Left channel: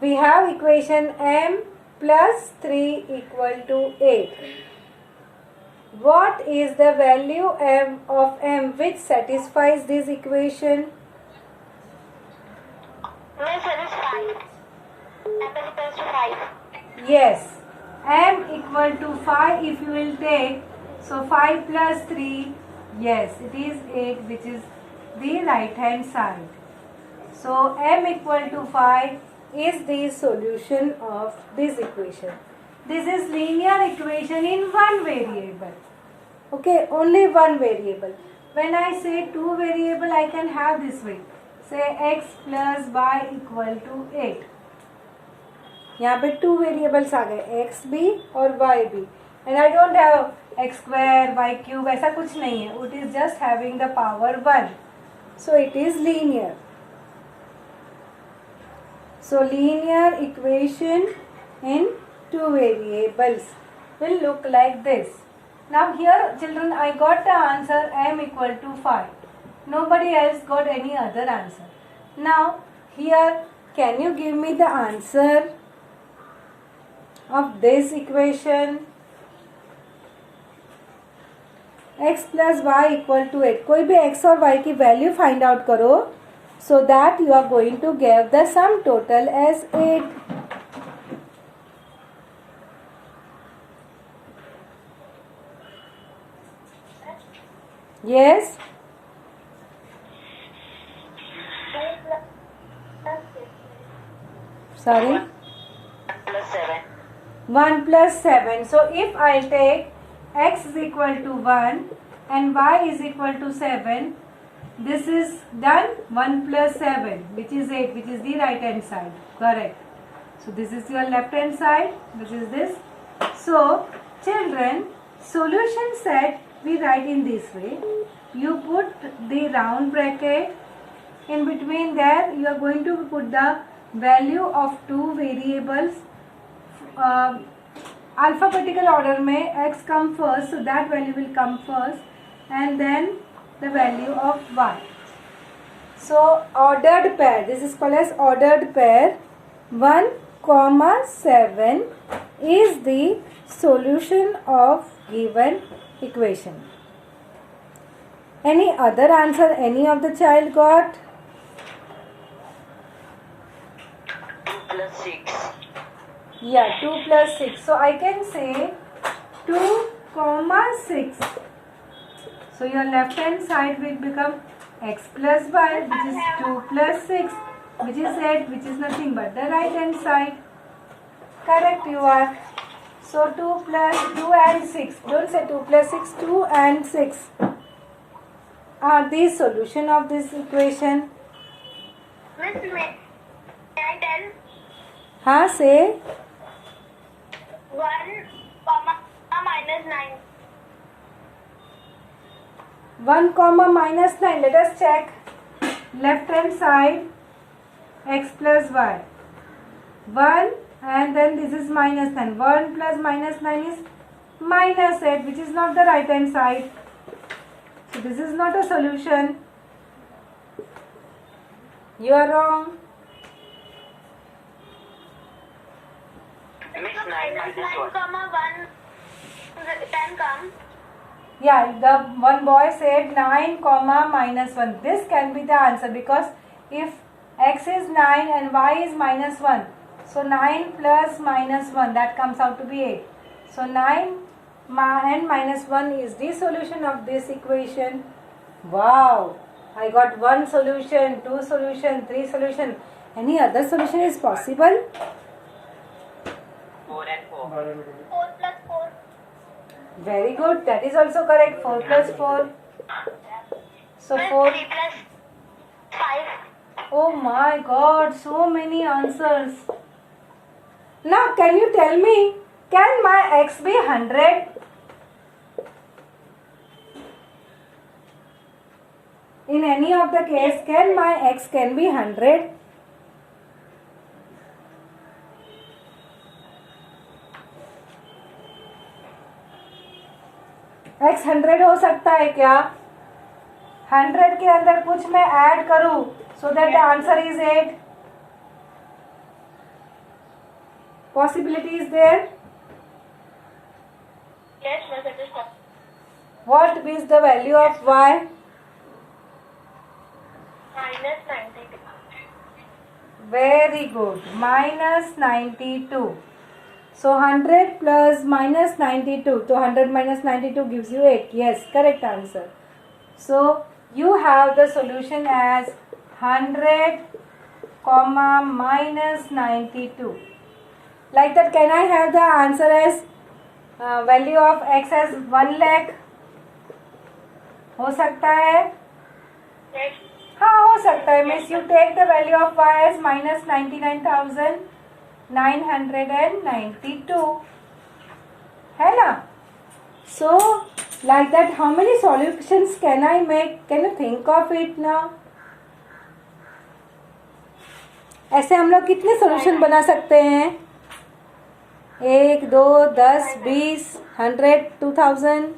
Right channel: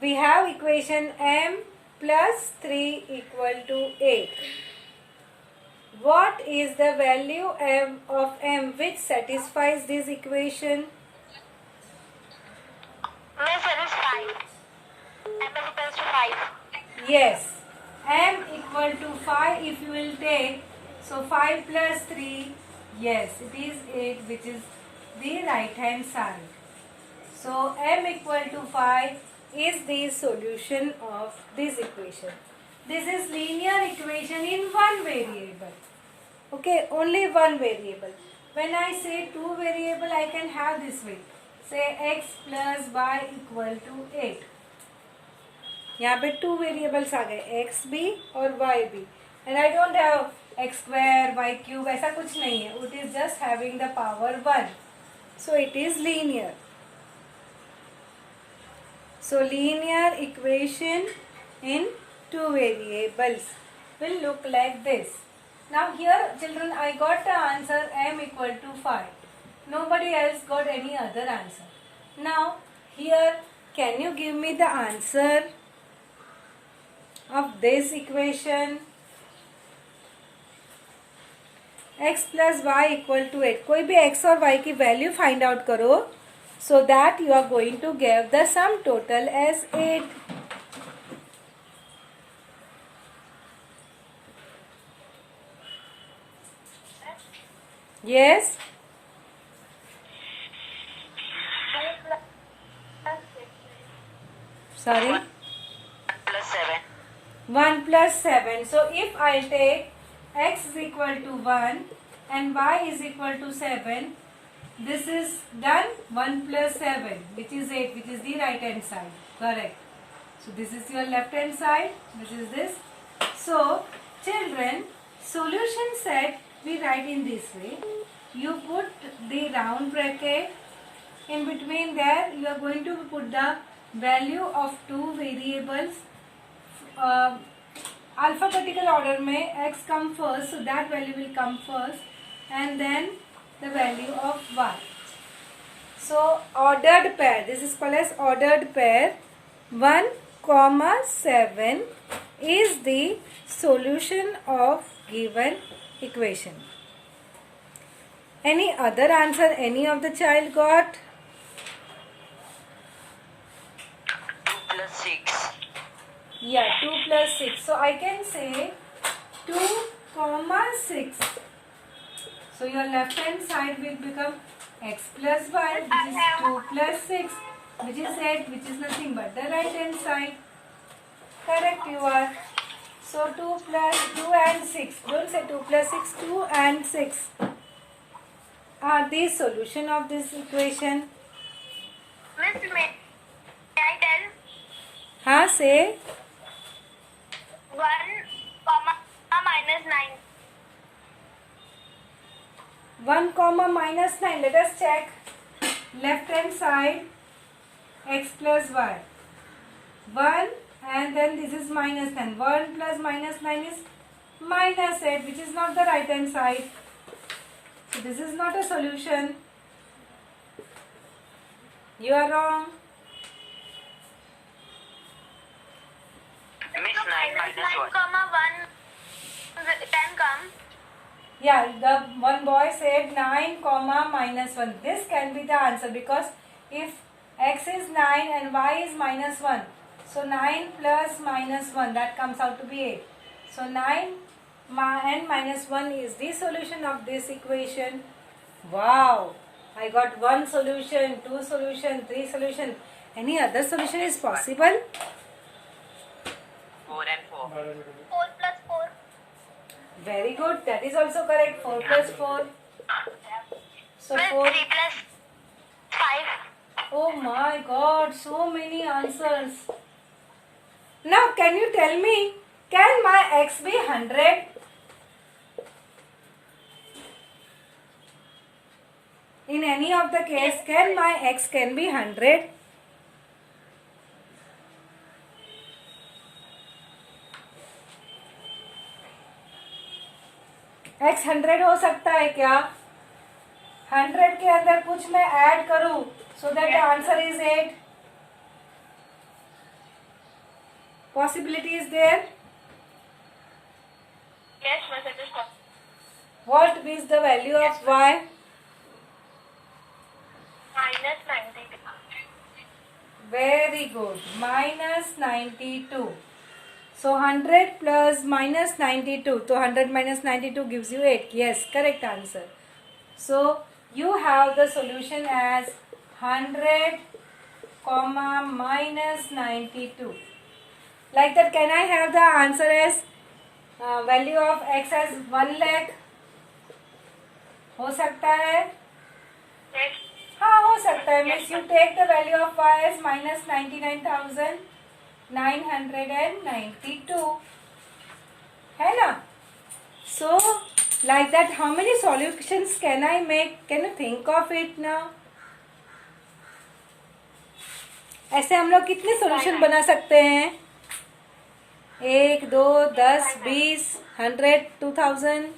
We have equation m plus 3 equal to 8. What is the value of m which satisfies this equation? Miss, it is 5. M is equals to 5. Yes, m equal to 5 if you will take. So 5 plus 3, yes, it is 8, which is the right hand side. So m equal to 5 is the solution of this equation. This is linear equation in one variable. Okay, only one variable. When I say two variable, I can have this way. Say x plus y equal to 8. यहाँ पे two variables आ गए, x भी और Y भी. And I don't have X square Y cube, ऐसा कुछ नहीं है. It is just having the power 1. So it is linear. So linear equation in two variables will look like this. Now here children, I got the answer m equal to 5. Nobody else got any other answer. Now here, can you give me the answer of this equation? x plus y equal to 8. कोई भी x और y की value find out करो, so that you are going to give the sum total as 8. Yes? Sorry? 1 plus 7. 1 plus 7. So if I take x is equal to 1 and y is equal to 7, this is done. 1 plus 7, which is 8, which is the right hand side. Correct. So this is your left hand side. This is this. So children, solution set we write in this way. You put the round bracket. In between there, you are going to put the value of two variables. Alphabetical order में x come first, so that value will come first, and then the value of y. So ordered pair, this is called as ordered pair. 1, 7 is the solution of given equation. Any other answer any of the child got? 2 plus 6. Yeah, 2 plus 6. So I can say 2, 6. So your left hand side will become x plus y, which is 2 plus 6, which is 8, which is nothing but the right hand side. Correct you are. So 2 plus 2 and 6. Don't say 2 plus 6, 2 and 6 are the solution of this equation. Miss, may I tell? हाँ, say. 1 comma minus 9. 1 comma minus 9. Let us check. Left hand side, x plus y. 1 and then this is minus 9. 1 plus minus 9 is minus 8, which is not the right hand side. So this is not a solution. You are wrong. Miss, 9 minus 1. Comma 1 can come. Yeah, the one boy said 9 comma minus 1. This can be the answer, because if x is 9 and y is minus 1, so 9 plus minus 1, that comes out to be 8. So 9 and minus 1 is the solution of this equation. Wow! I got one solution, two solution, three solution. Any other solution is possible? 4 and 4. 4 plus 4. Very good. That is also correct. 4 plus 4. So Miss, 4. 3 plus 5. Oh my God, so many answers. Now can you tell me, can my x be 100? In any of the case, can my x can be 100? x 100 हो सकता है क्या? 100 के अंदर कुछ मैं add करूं, so that the answer is 8. Possibility is there? Yes, miss, it is possible. What is the value of y? Minus 92. Very good. Minus 92. So 100 plus minus 92. So 100 minus 92 gives you 8. Yes, correct answer. So you have the solution as 100 comma minus 92. Like that, can I have the answer as value of x as 1 lakh? हो सकता है? Yes. हाँ, हो सकता है. Means you take the value of y as minus 99,992. है ना? So like that, how many solutions can I make? Can you think of it now? ऐसे हम लोग कितने सॉल्यूशन बना सकते हैं? 1, 2, 10, 20, 100, 2000.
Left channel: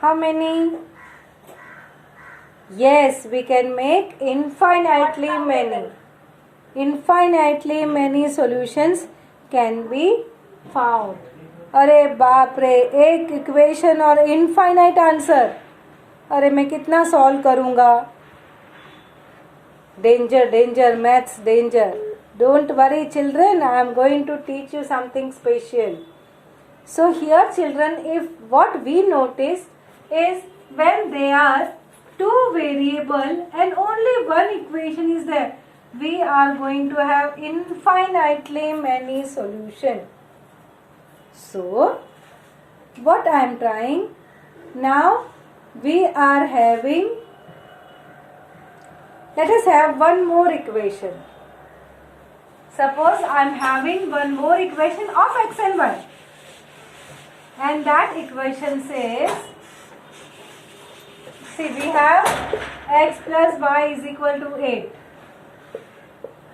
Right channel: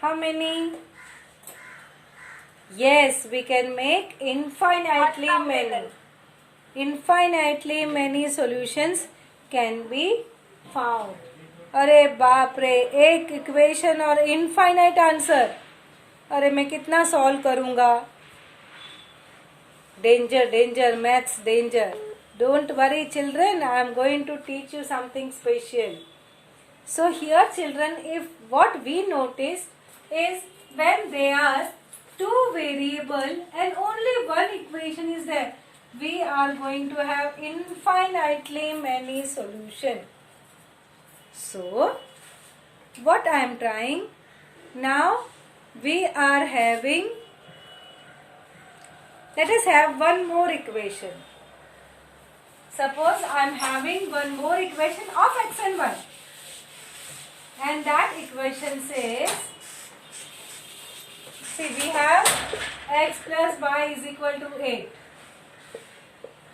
How many? Yes, we can make infinitely many. Infinitely many solutions can be found. अरे बाप रे, एक इक्वेशन और इनफाइनाइट आंसर. अरे मैं कितना सॉल्व करूँगा? Danger, danger, maths, danger. Don't worry, children. I am going to teach you something special. So here, children, if what we notice is when there are two variable and only one equation is there, we are going to have infinitely many solution. So what I am trying now, we are having, let us have one more equation. Suppose I am having one more equation of x and y, and that equation says, see, we have x plus y is equal to 8.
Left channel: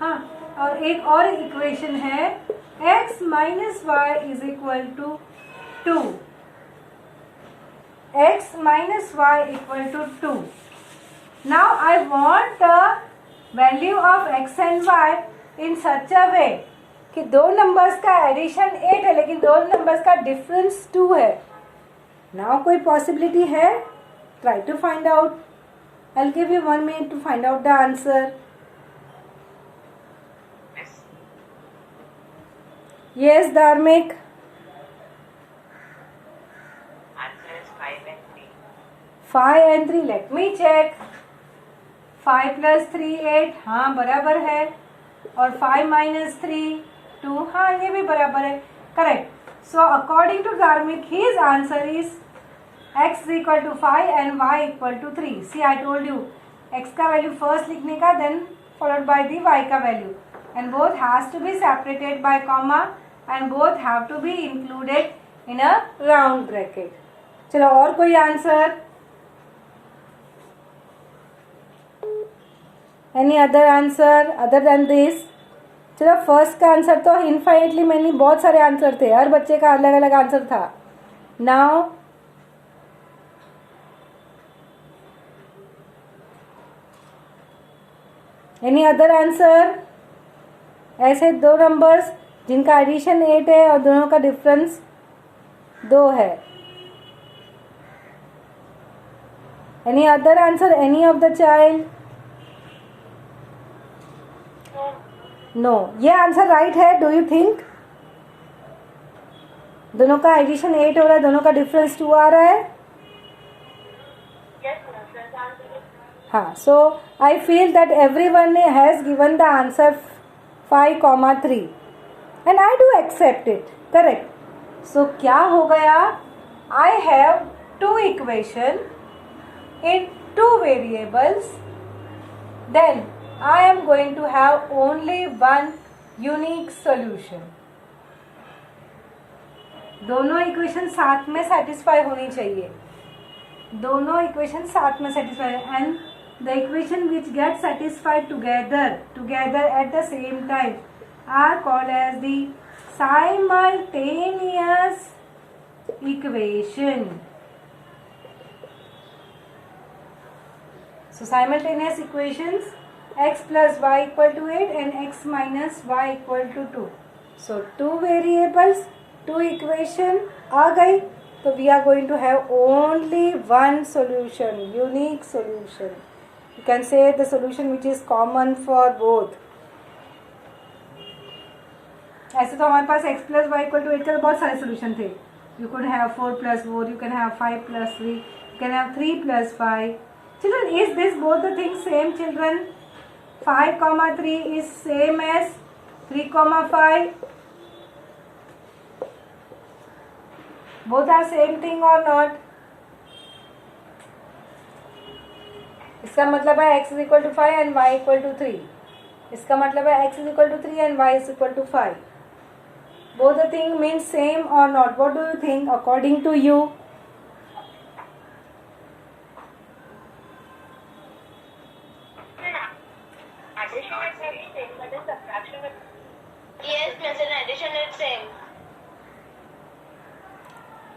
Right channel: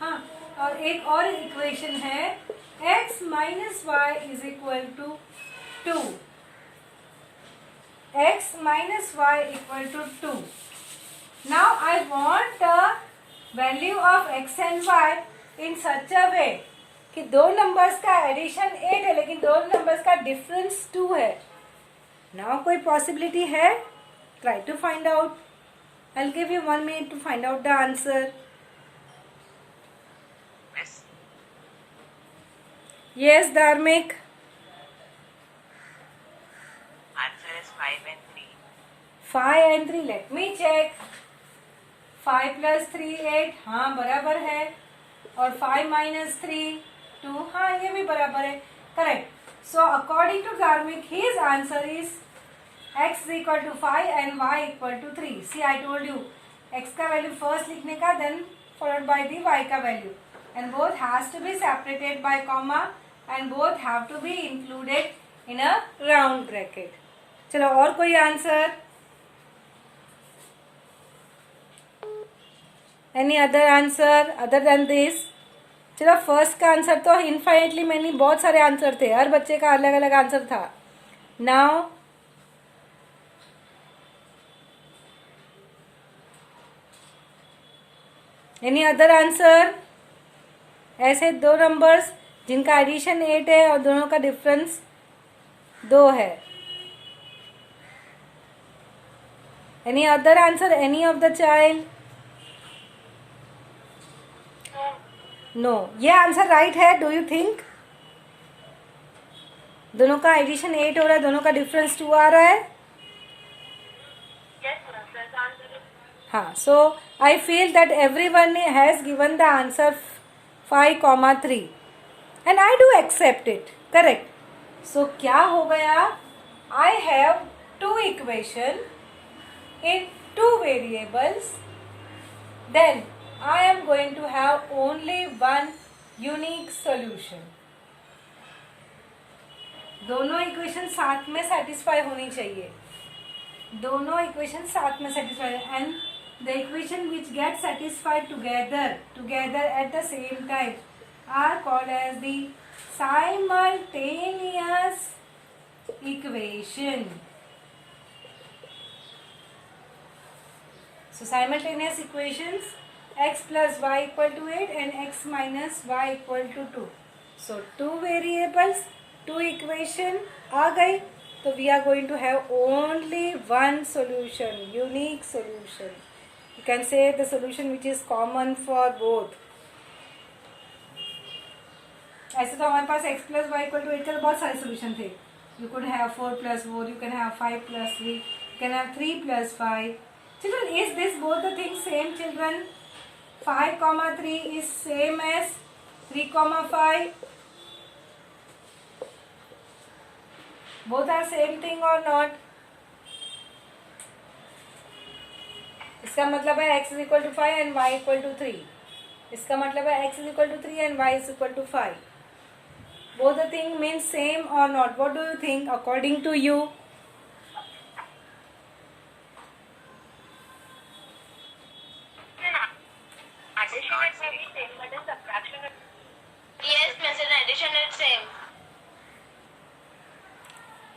हाँ, और एक और equation है x minus y is equal to 2. x minus y equal to 2. Now I want the value of x and y in such a way कि दो numbers का addition 8 है लेकिन दो नंबर्स का डिफरेंस 2 है. Now कोई पॉसिबिलिटी है? Try to find out. I'll give you 1 minute to find out the answer. Yes, Dharmik. Answer is 5 and 3. 5 and 3. Let me check. 5 plus 3 8. हाँ बराबर है. और 5 minus 3 2. हाँ ये भी बराबर है. Correct. So according to Dharmik, his answer is x is equal to 5 and y equal to 3. See, I told you x का वैल्यू फर्स्ट लिखने का, then followed by the y का value, and both has to be separated by comma and both have to be included in a round bracket. चलो और कोई answer? Any other answer other than this? चलो first का answer तो infinitely many, बहुत सारे answer थे, हर बच्चे का अलग अलग आंसर था. Now any other answer? ऐसे दो नंबर्स जिनका एडिशन 8 है और दोनों का डिफरेंस 2 है. Any other answer? Any of the child? No. ये आंसर राइट है, डू यू थिंक? दोनों का एडिशन 8 हो रहा है, दोनों का डिफरेंस 2 आ रहा है. Yes, miss, the answer is. हाँ, so I feel that everyone has given the answer 5,3 and I do accept it. Correct. So क्या हो गया? I have two equation in two variables. Then I am going to have only one unique solution. दोनों equation साथ में satisfy होनी चाहिए. दोनों equation साथ में satisfy, and the equation which get satisfied together at the same time are called as the simultaneous equation. So simultaneous equations x plus y equal to 8 and x minus y equal to 2. So 2 variables, 2 equation आ गई. So we are going to have only one solution, unique solution. You can say the solution which is common for both. ऐसे तो हमारे पास x plus y equal to 8 के बहुत सारे solution थे. You could have 4 plus 4, you can have 5 plus 3, you can have 3 plus 5. Children, is this both the things same, children? 5 comma 3 is same as 3 comma 5. Both are same thing or not? इसका मतलब है x is equal to 5 and y equal to 3. इसका मतलब है x is equal to 3 and y is equal to 5. Both the thing means same or not? What do you think according to you? Addition it may be same, but in subtraction it... Yes, miss, in addition it's same.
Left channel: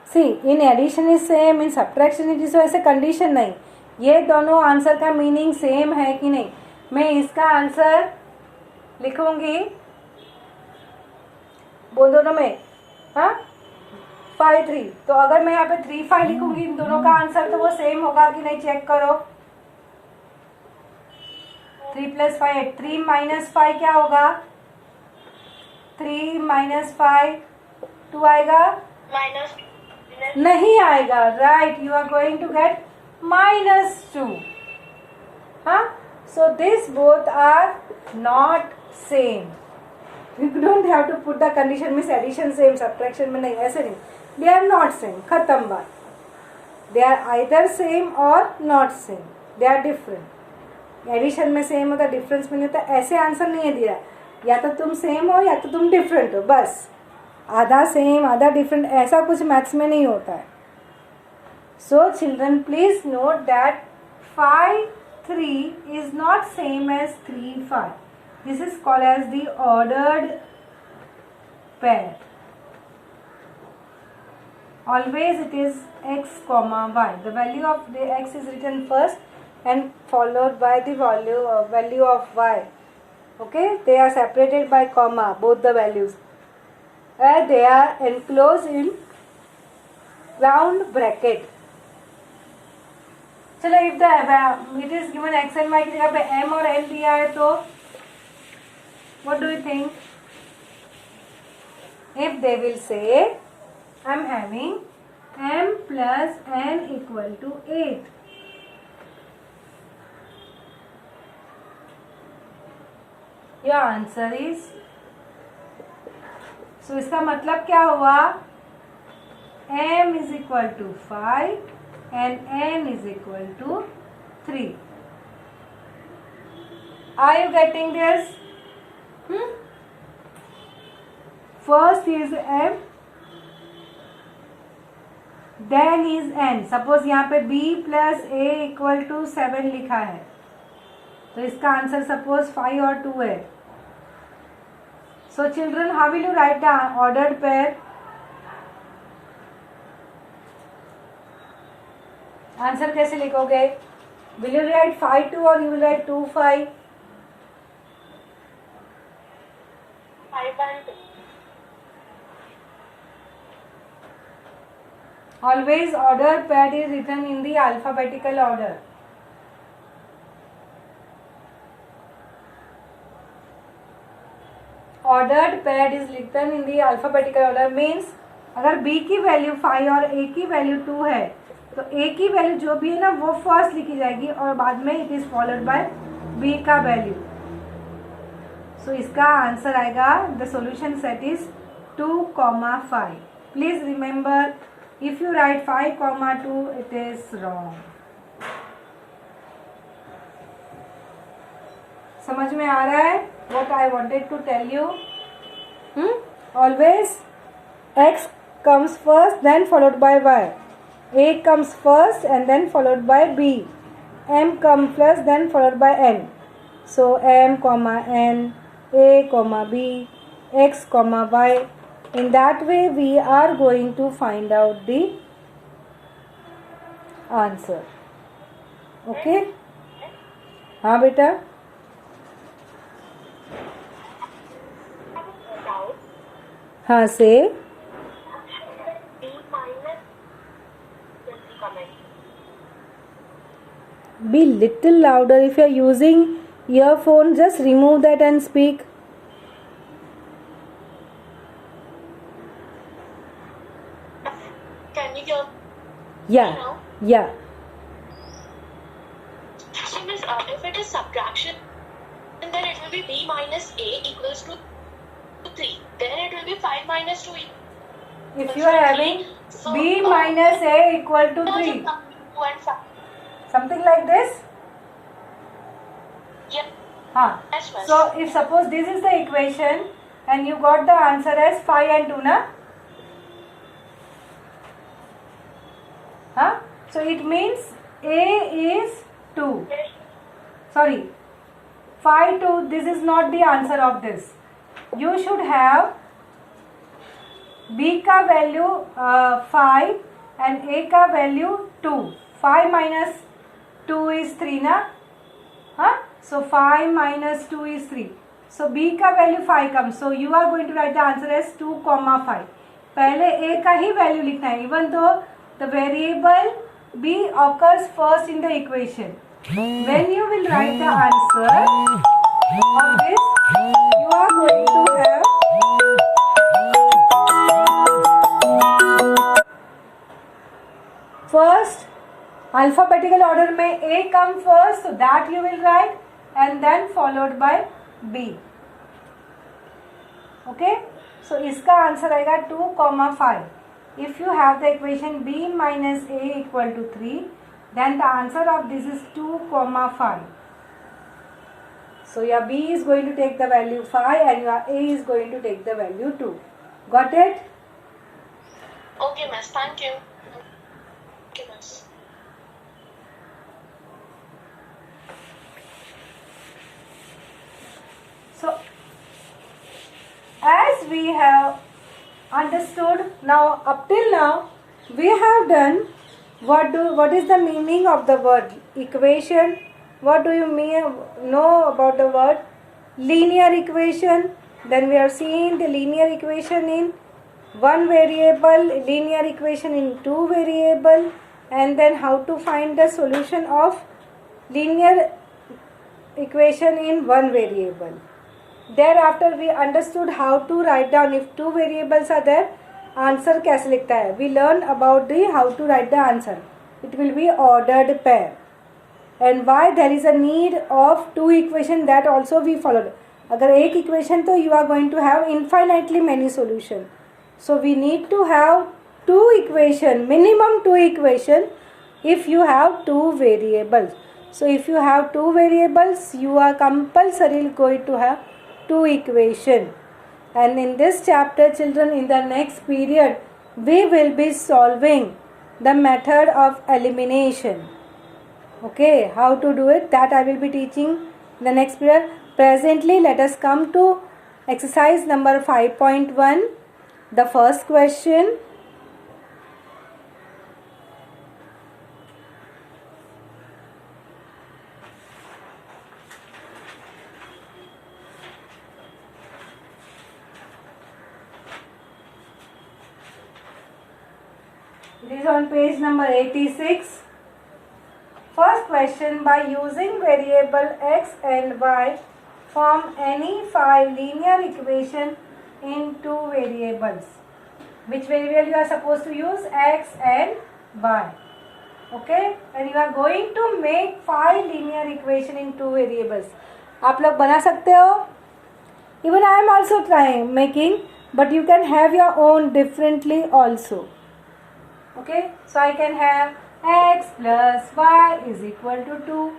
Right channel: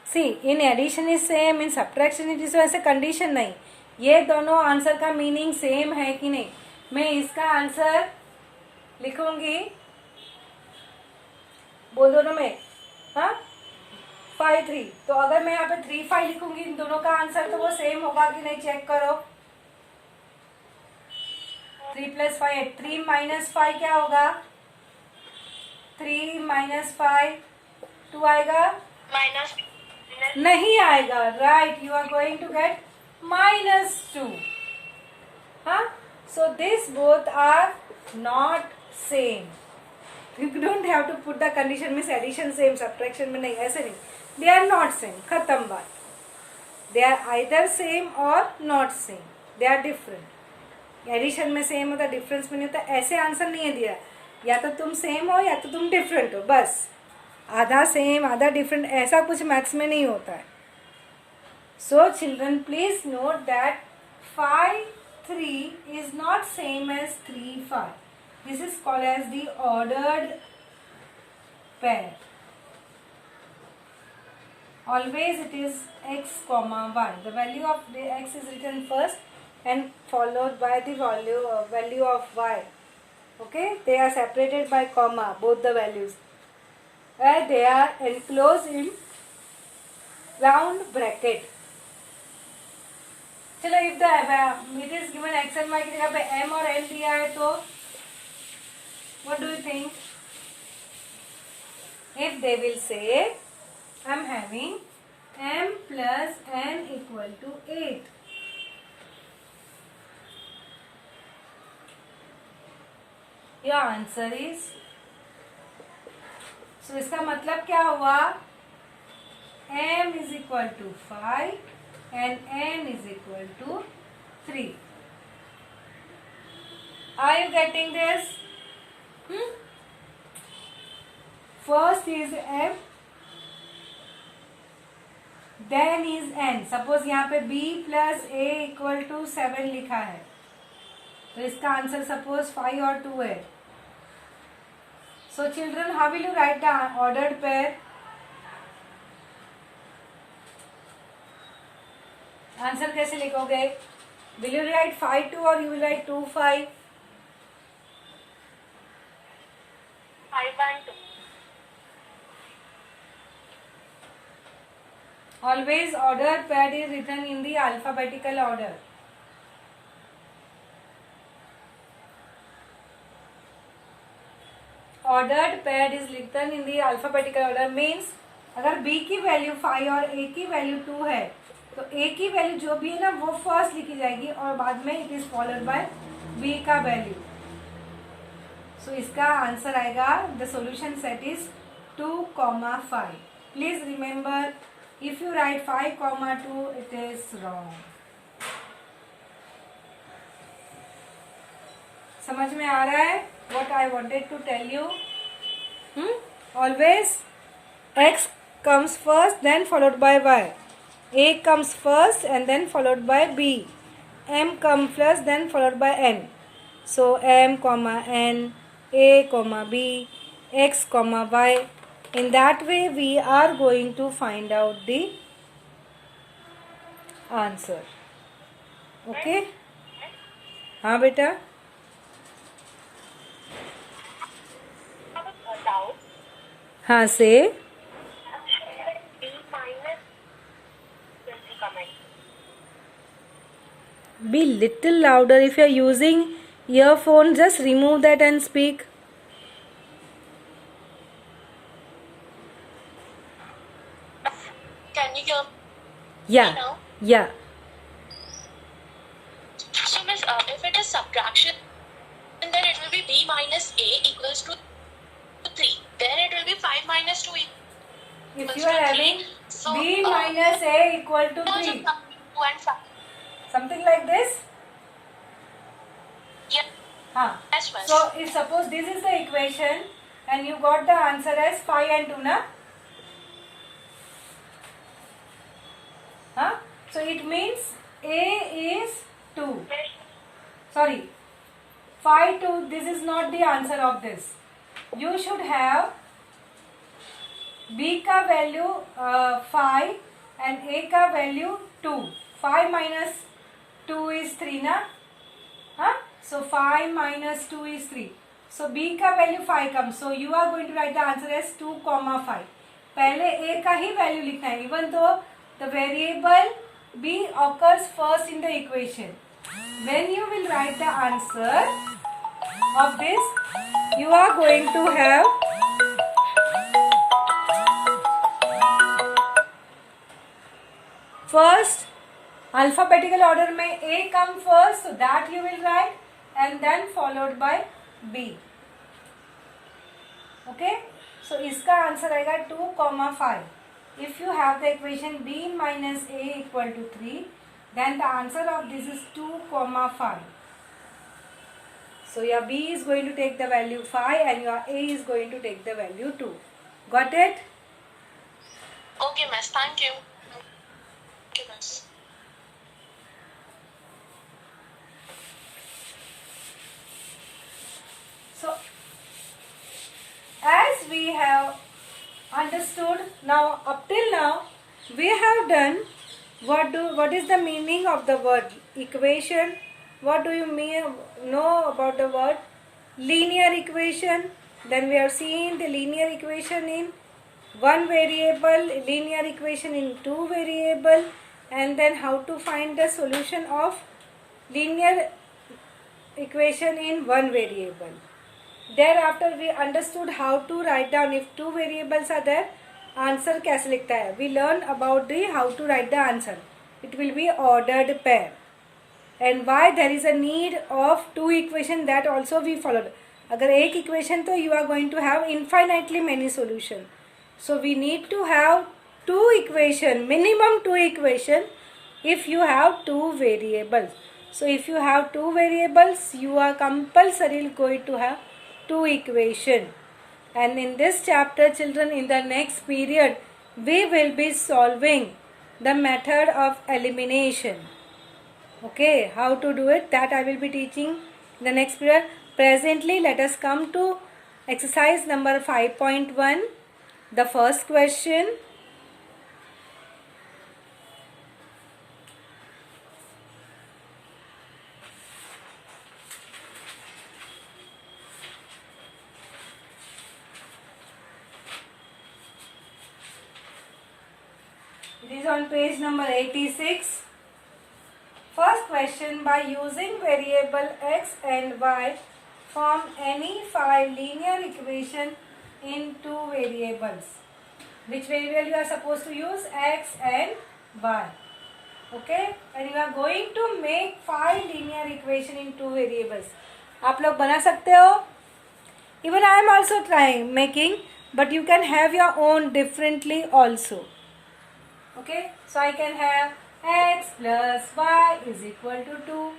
See, in addition is same, in subtraction it is so. ऐसे condition नहीं. ये दोनों answer का meaning same है कि नहीं? मैं इसका आंसर लिखूंगी बोल दोनों में, हाँ 5 3. तो अगर मैं यहाँ पे 3 5 लिखूंगी इन दोनों का आंसर तो वो सेम होगा कि नहीं? चेक करो. 3 plus 5 8. 3 minus 5 क्या होगा? 3 minus 5 2 आएगा? Minus... नहीं आएगा. Right, you are going to get -2. हाँ, so this both are not same. You don't have to put the condition means addition same, subtraction में नहीं, ऐसे नहीं. दे आर नॉट सेम, खत्म बात. दे आर आइदर सेम और not same, they are different. Addition में same होता, difference में नहीं होता. ऐसे आंसर नहीं है दिया, या तो तुम सेम हो या तो तुम डिफरेंट हो, बस. आधा सेम आधा डिफरेंट ऐसा कुछ मैथ्स में नहीं होता है. So children please note that 5 3 is not same as 3 5. This is called as the ordered pair. Always it is x comma y. The value of the x is written first and followed by the value of y. Okay, they are separated by comma, both the values, and they are enclosed in round bracket. चलो, if the it is given x and y की जगह पे m और n दिया है तो what do you think? If they will say I'm having m plus n equal to 8. Your answer is, so इसका मतलब क्या हुआ? m is equal to 5 and n is equal to 3. Are you getting this? First is m, then is n. Suppose यहाँ पे b plus a equal to 7 लिखा है, तो इसका आंसर सपोज 5 और 2 है. So children, how will you write the ordered pair? Answer कैसे लिखोगे? Will you write 5 2 or you will write 2 5? 5 and 2. Always ordered pair is written in the alphabetical order. Ordered pair is written in the alphabetical order means अगर b की value 5 और a की value 2 है तो a की value जो भी है ना वो फर्स्ट लिखी जाएगी और बाद में it is followed by b का वैल्यू. सो इसका आंसर आएगा, the solution set is 2,5. Please remember, if you right 5,2 it is wrong. समझ में आ रहा है what I wanted to tell you? Always x comes first then followed by y. A comes first and then followed by b. M comes first then followed by n. So m comma n, a comma b, x comma y. In that way we are going to find out the answer. Okay? हाँ बेटा. हाँ से B minus will be comment. be little louder. If you are using earphone, just remove that and speak. Can you hear Yeah, me now? yeah. So, miss, if it is subtraction, then it will be B minus A equals to 3. Then it will be 5 minus 2 If equals you to are 3. having So, b minus a equal to now 3, just come 2 and 5. something like this. Yes, Huh. miss. So if suppose this is the equation and you got the answer as 5 and 2, na? Huh? So it means a is 2. Sorry, 5 2. This is not the answer of this. You should have b का value 5 and a का value 2. 5 minus 2 is 3, na? Huh? So 5 minus 2 is 3. So b का value 5 comes. So you are going to write the answer as 2, 5. पहले a का ही value लिखना है. Even though the variable b occurs first in the equation. When you will write the answer of this, you are going to have first alphabetical order में A come first, so that you will write, and then followed by B. Okay, so इसका answer आएगा 2, 5. If you have the equation B minus A equal to 3, then the answer of this is 2, 5. So your B is going to take the value 5 and your A is going to take the value 2. Got it? Okay, miss. Thank you. Okay, miss. So, as we have understood now, up till now, we have done what is the meaning of the word equation. What do you know about the word linear equation? Then we have seen the linear equation in one variable, linear equation in two variable, and then how to find the solution of linear equation in one variable. Thereafter we understood how to write down if two variables are there, answer कैसे लिखता है. We learn about the how to write the answer. It will be ordered pair. And why there is a need of two equation, that also we followed. अगर एक equation तो you are going to have infinitely many solution. So we need to have two equation, minimum two equation if you have two variables. So if you have two variables, you are compulsory going to have two equation. And in this chapter, children, in the next period, we will be solving the method of elimination. Okay, how to do it, that I will be teaching in the next period. Presently, let us come to exercise number 5.1. The first question. It is on page number 86. First question, by using variable x and y, form any 5 linear equation in two variables. Which variable you are supposed to use? X and y. Okay, and you are going to make 5 linear equation in two variables. आप लोग बना सकते हो? Even I am also trying making, but you can have your own differently also. Okay, so I can have x plus y is equal to 2.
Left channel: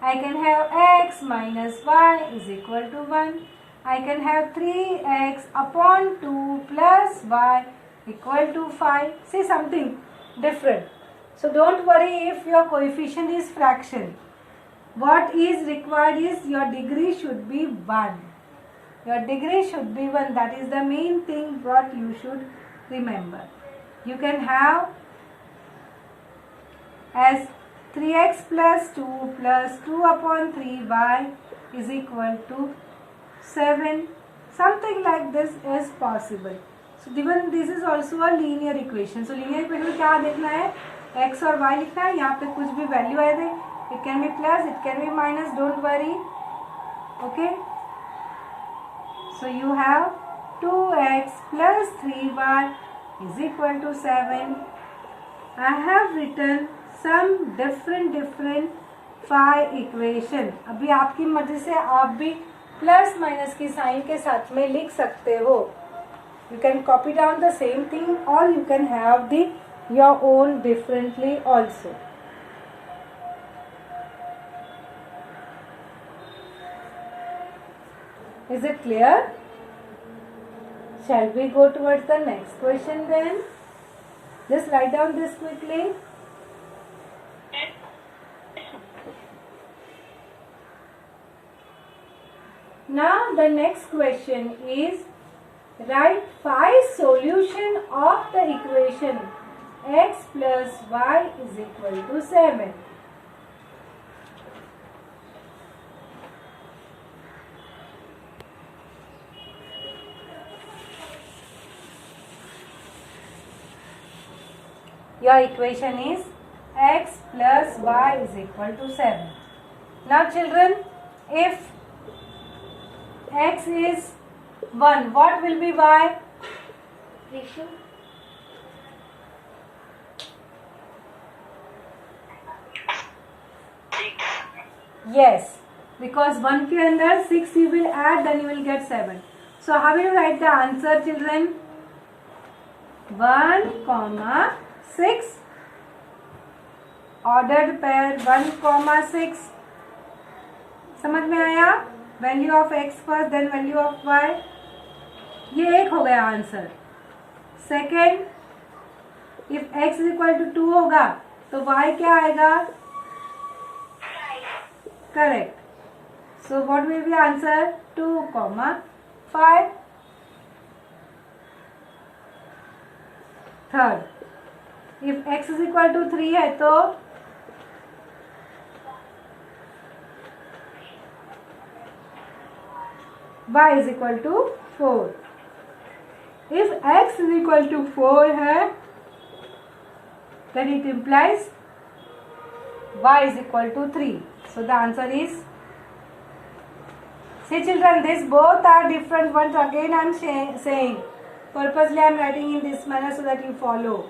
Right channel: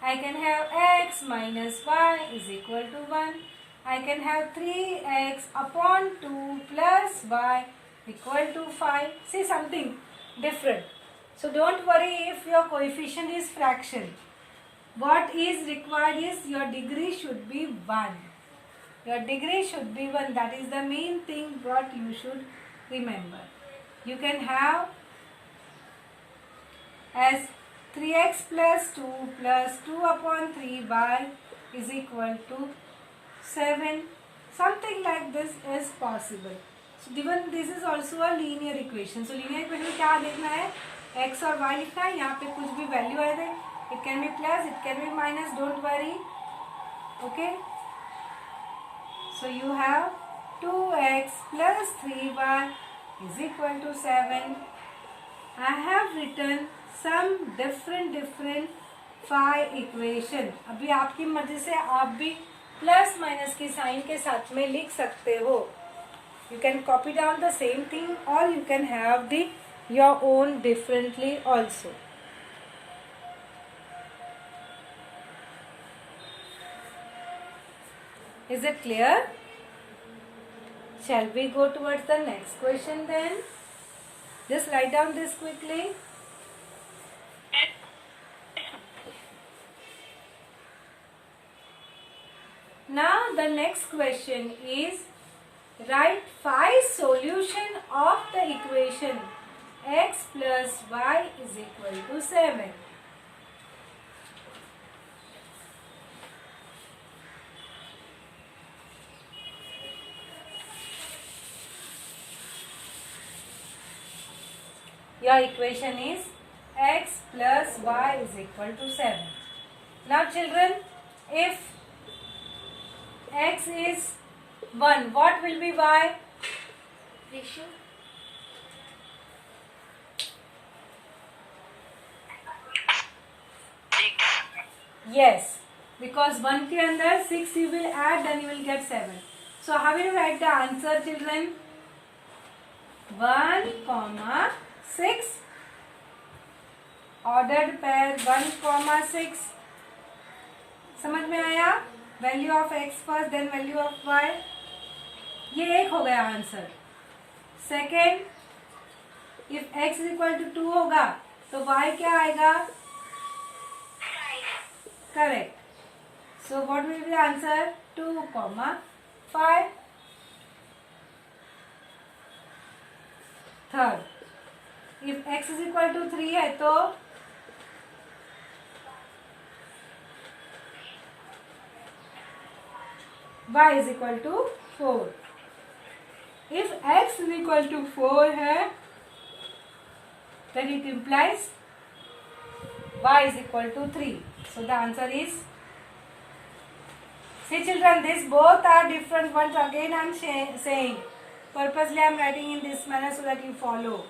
I can have x minus y is equal to 1. I can have 3x upon 2 plus y equal to 5. See, something different. So don't worry if your coefficient is fraction. What is required is your degree should be 1. Your degree should be 1. That is the main thing what you should remember. You can have as 3x plus 2 plus 2 upon 3y is equal to 7. Something like this is possible. So given this is also a linear equation. So linear equation में क्या देखना है, x और y लिखना है. यहाँ पे कुछ भी वैल्यू आए थे, it can be plus, it can be minus, don't worry. Okay. So you have 2x plus 3y is equal to 7. I have written some different phi equation. अभी आपकी मर्जी से आप भी प्लस माइनस की साइन के साथ में लिख सकते हो. You can copy down the same thing or you can have the your own differently also. Is it clear? Shall we go towards the next question then? Just write down this quickly. Now the next question is write phi solution of the equation x plus y is equal to 7. Your equation is x plus y is equal to 7. Now children, if x is 1, what will be y? Ratio. Yes, because 1 के अंदर 6 you will add, then you will get 7. So how will you write the answer, children? 1, 6. Ordered pair 1, 6. समझ में आया? Value of x first then value of y. ये एक हो गया answer. Second, if x is equal to 2 होगा तो y क्या आएगा? Correct. So what will be the answer? 2, 5. Third, if x is equal to 3 है तो y is equal to 4. If x is equal to 4 है, then it implies y is equal to 3. So the answer is, see children, these both are different ones. Again I am saying, purposely I am writing in this manner so that you follow.